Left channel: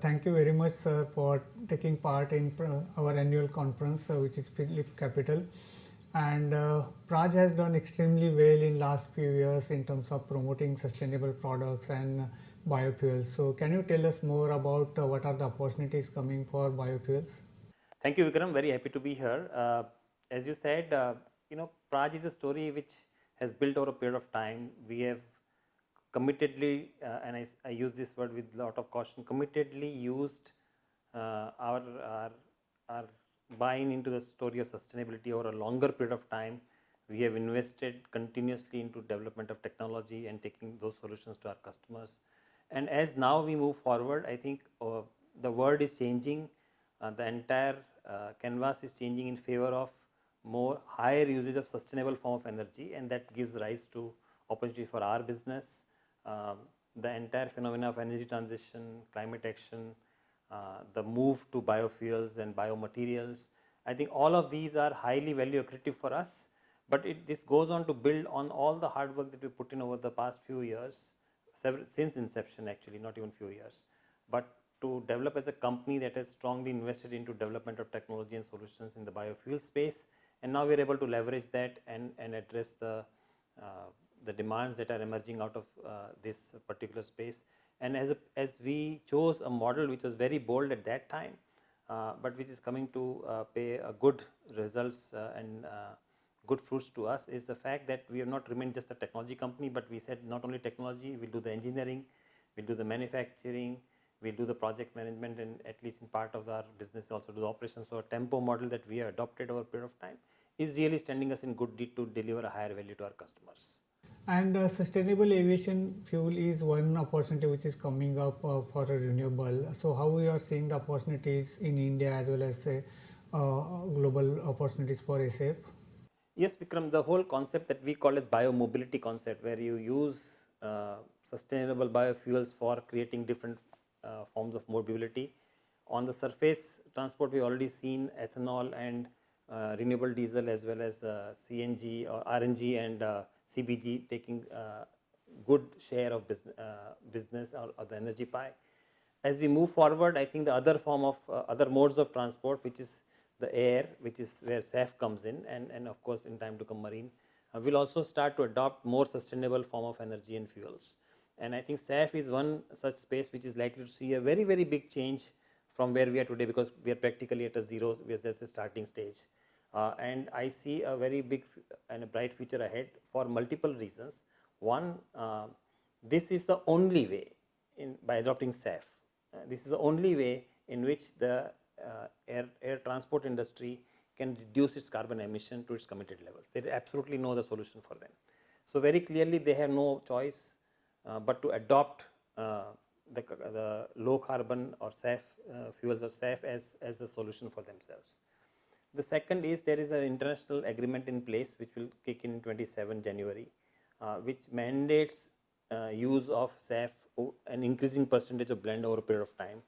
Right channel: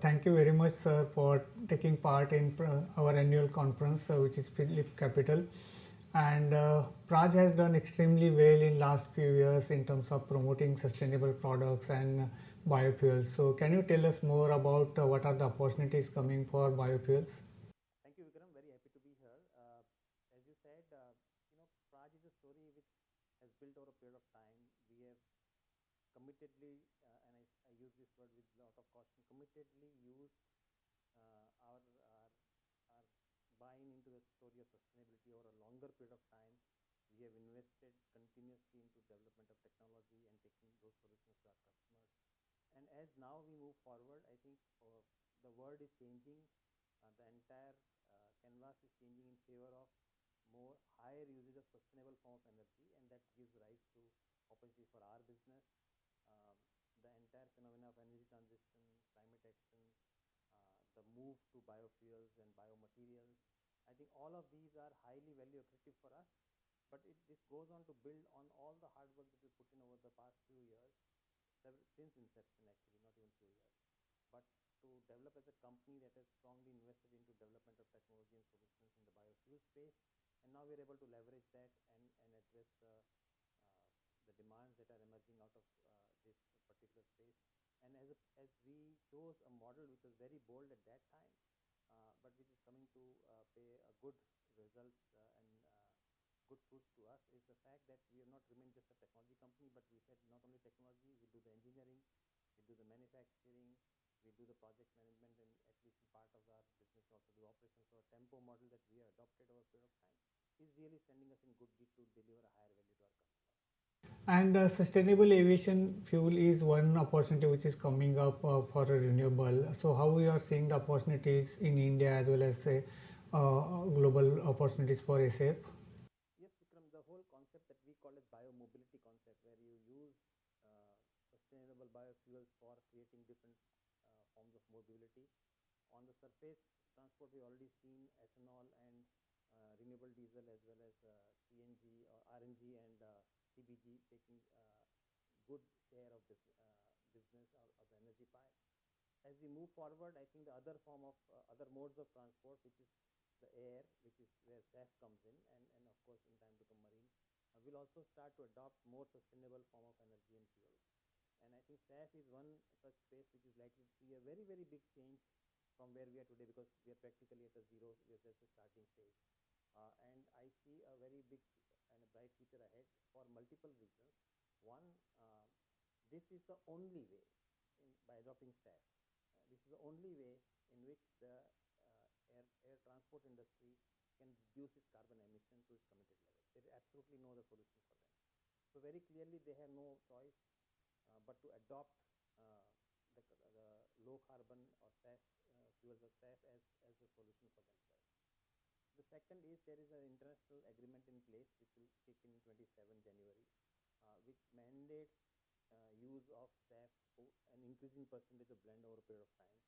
Thank you very much, sir, for taking part in our annual conference, which is PhillipCapital. And Praj has done extremely well in last few years in terms of promoting sustainable products and biofuels. So, can you tell us more about what are the opportunities coming for biofuels? Thank you, Vikram. Very happy to be here. As you said, Praj is a story which has built over a period of time. We have committedly, and I use this word with a lot of caution, committedly used our buying into the story of sustainability over a longer period of time. We have invested continuously into development of technology and taking those solutions to our customers. And as now we move forward, I think the world is changing. The entire canvas is changing in favor of more higher usage of sustainable form of energy, and that gives rise to opportunity for our business. The entire phenomena of energy transition, climate action, the move to biofuels and biomaterials, I think all of these are highly value accretive for us, but this goes on to build on all the hard work that we put in over the past few years, since inception actually, not even few years, but to develop as a company that has strongly invested into development of technology and solutions in the biofuel space, and now we are able to leverage that and address the demands that are emerging out of this particular space. And as we chose a model which was very bold at that time, but which is coming to pay a good results and good fruits to us, is the fact that we have not remained just a technology company, but we said not only technology, we'll do the engineering, we'll do the manufacturing, we'll do the project management, and at least in part of our business also do the operations. So a tempo model that we have adopted over a period of time is really standing us in good deed to deliver a higher value to our customers. And sustainable aviation fuel is one opportunity which is coming up for a renewable. So, how we are seeing the opportunities in India as well as global opportunities for SAF? Yes, Vikram, the whole concept that we call as biomobility concept, where you use sustainable biofuels for creating different forms of mobility. On the surface transport, we've already seen ethanol and renewable diesel as well as CNG or RNG and CBG taking good share of business or the energy pie. As we move forward, I think the other form of other modes of transport, which is the air, which is where SAF comes in, and of course in time to come marine, will also start to adopt more sustainable form of energy and fuels. And I think SAF is one such space which is likely to see a very, very big change from where we are today, because we are practically at a zero, we are just a starting stage. And I see a very big and a bright future ahead for multiple reasons. One, this is the only way by adopting SAF. This is the only way in which the air transport industry can reduce its carbon emission to its committed levels. There is absolutely no other solution for them. So very clearly they have no choice but to adopt the low carbon or SAF fuels or SAF as a solution for themselves. The second is there is an international agreement in place which will kick in 27 January, which mandates use of SAF, an increasing percentage of blend over a period of time.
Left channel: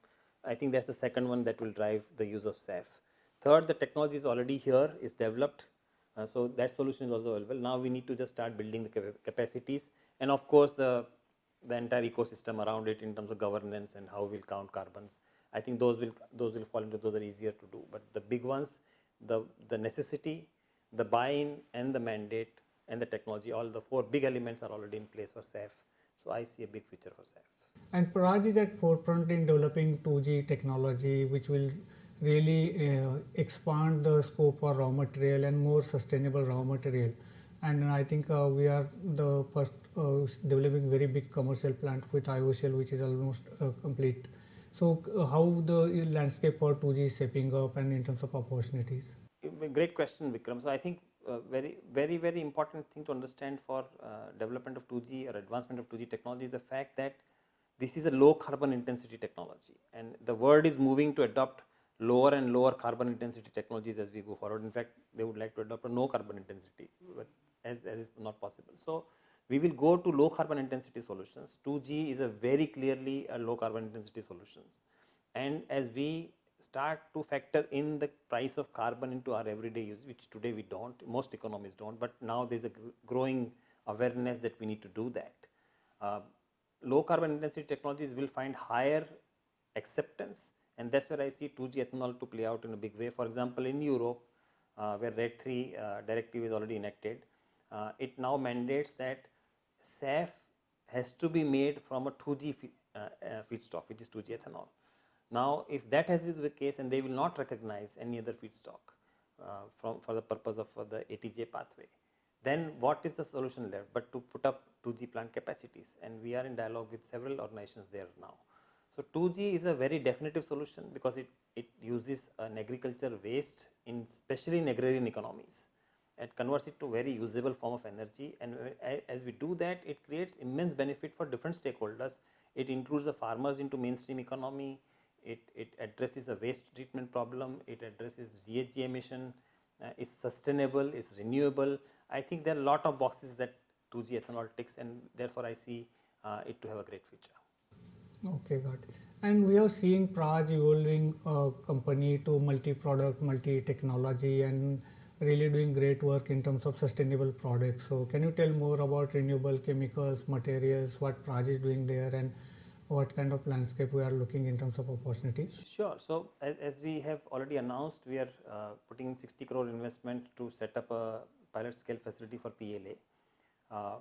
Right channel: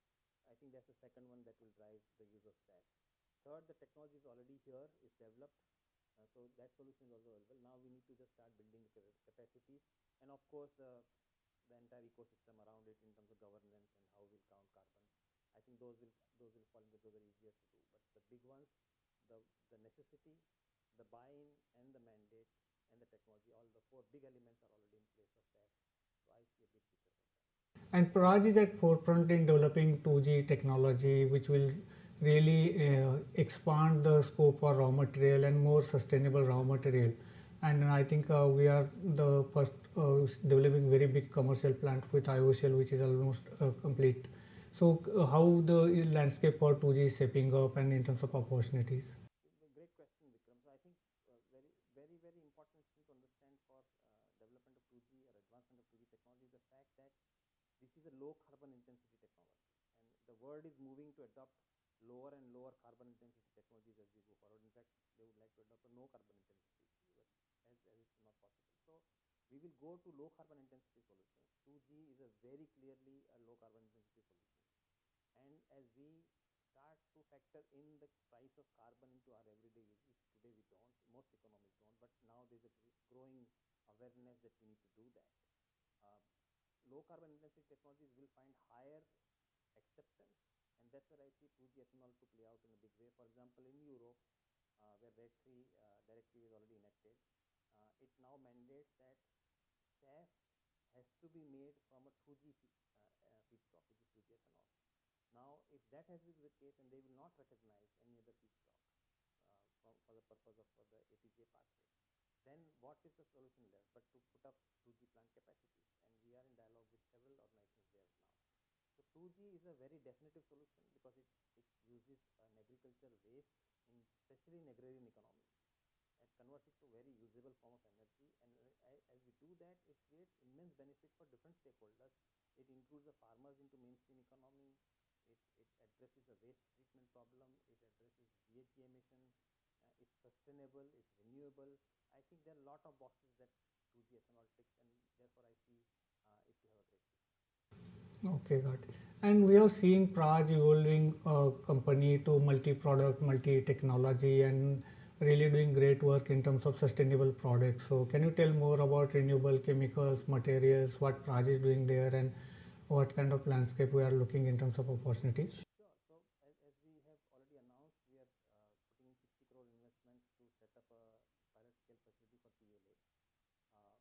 I think that's the second one that will drive the use of SAF. Third, the technology is already here, is developed, so that solution is also available. Now we need to just start building the capacities, and of course the entire ecosystem around it in terms of governance and how we'll count carbons. I think those will fall into, those are easier to do. But the big ones, the necessity, the buy-in and the mandate and the technology, all the four big elements are already in place for SAF. So I see a big future for SAF. And Praj is at forefront in developing 2G technology, which will really expand the scope for raw material and more sustainable raw material. And I think we are the first developing very big commercial plant with IOCL, which is almost complete. So how the landscape for 2G is shaping up and in terms of opportunities? Great question, Vikram. So I think very important thing to understand for development of 2G or advancement of 2G technology is the fact that this is a low carbon intensity technology, and the world is moving to adopt lower and lower carbon intensity technologies as we go forward. In fact, they would like to adopt a no carbon intensity, but as is not possible. So we will go to low carbon intensity solutions. 2G is a very clearly a low carbon intensity solutions, and as we start to factor in the price of carbon into our everyday use, which today we don't, most economies don't, but now there's a growing awareness that we need to do that. Low carbon intensity technologies will find higher acceptance, and that's where I see 2G ethanol to play out in a big way. For example, in Europe, where RED III directive is already enacted, it now mandates that SAF has to be made from a 2G feedstock, which is 2G ethanol. Now, if that has been the case, and they will not recognize any other feedstock for the purpose of the ATJ pathway, then what is the solution left but to put up 2G plant capacities? And we are in dialogue with several organizations there now. So 2G is a very definitive solution because it uses an agriculture waste, especially in agrarian economies, and converts it to very usable form of energy. And as we do that, it creates immense benefit for different stakeholders. It includes the farmers into mainstream economy. It addresses a waste treatment problem. It addresses GHG emission. Is sustainable, is renewable. I think there are a lot of boxes that 2G ethanol ticks, and therefore I see it to have a great future. Okay, got it. And we have seen Praj evolving a company to multi-product, multi-technology, and really doing great work in terms of sustainable products. So can you tell more about renewable chemicals, materials, what Praj is doing there, and what kind of landscape we are looking in terms of opportunities? Sure. So as we have already announced, we are putting in 60 crore investment to set up a pilot scale facility for PLA,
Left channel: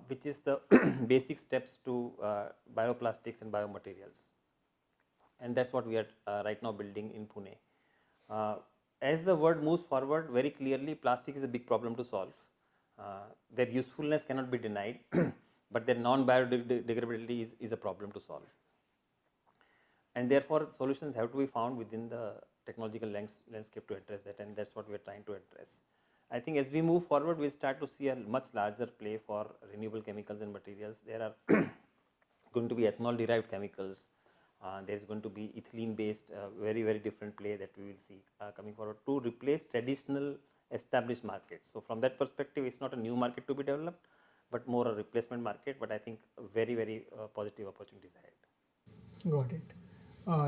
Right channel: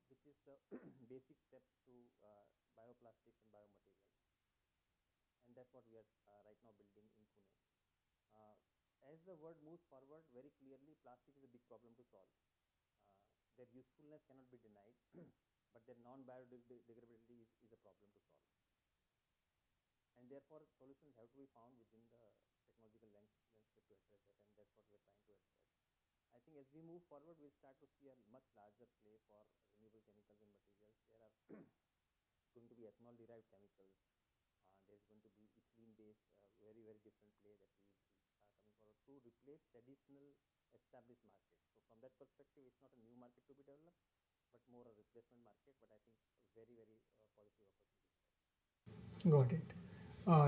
which is the basic steps to bioplastics and biomaterials. And that's what we are right now building in Pune. As the world moves forward, very clearly plastic is a big problem to solve. Their usefulness cannot be denied, but their non-biodegradability is a problem to solve. And therefore, solutions have to be found within the technological landscape to address that, and that's what we are trying to address. I think as we move forward, we'll start to see a much larger play for renewable chemicals and materials. There are going to be ethanol-derived chemicals. There is going to be ethylene-based, very, very different play that we will see coming forward to replace traditional established markets. So from that perspective, it's not a new market to be developed, but more a replacement market. But I think very, very positive opportunities ahead. Got it.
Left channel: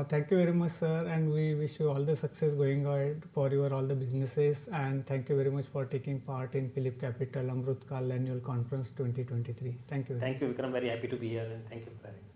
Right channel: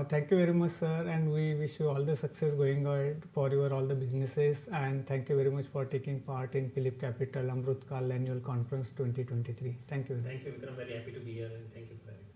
Thank you very much, sir, and we wish you all the success going ahead for your all the businesses, and thank you very much for taking part in PhillipCapital AMRITKAAL Annual Conference 2023. Thank you. Thank you, Vikram. Very happy to be here, and thank you for having me.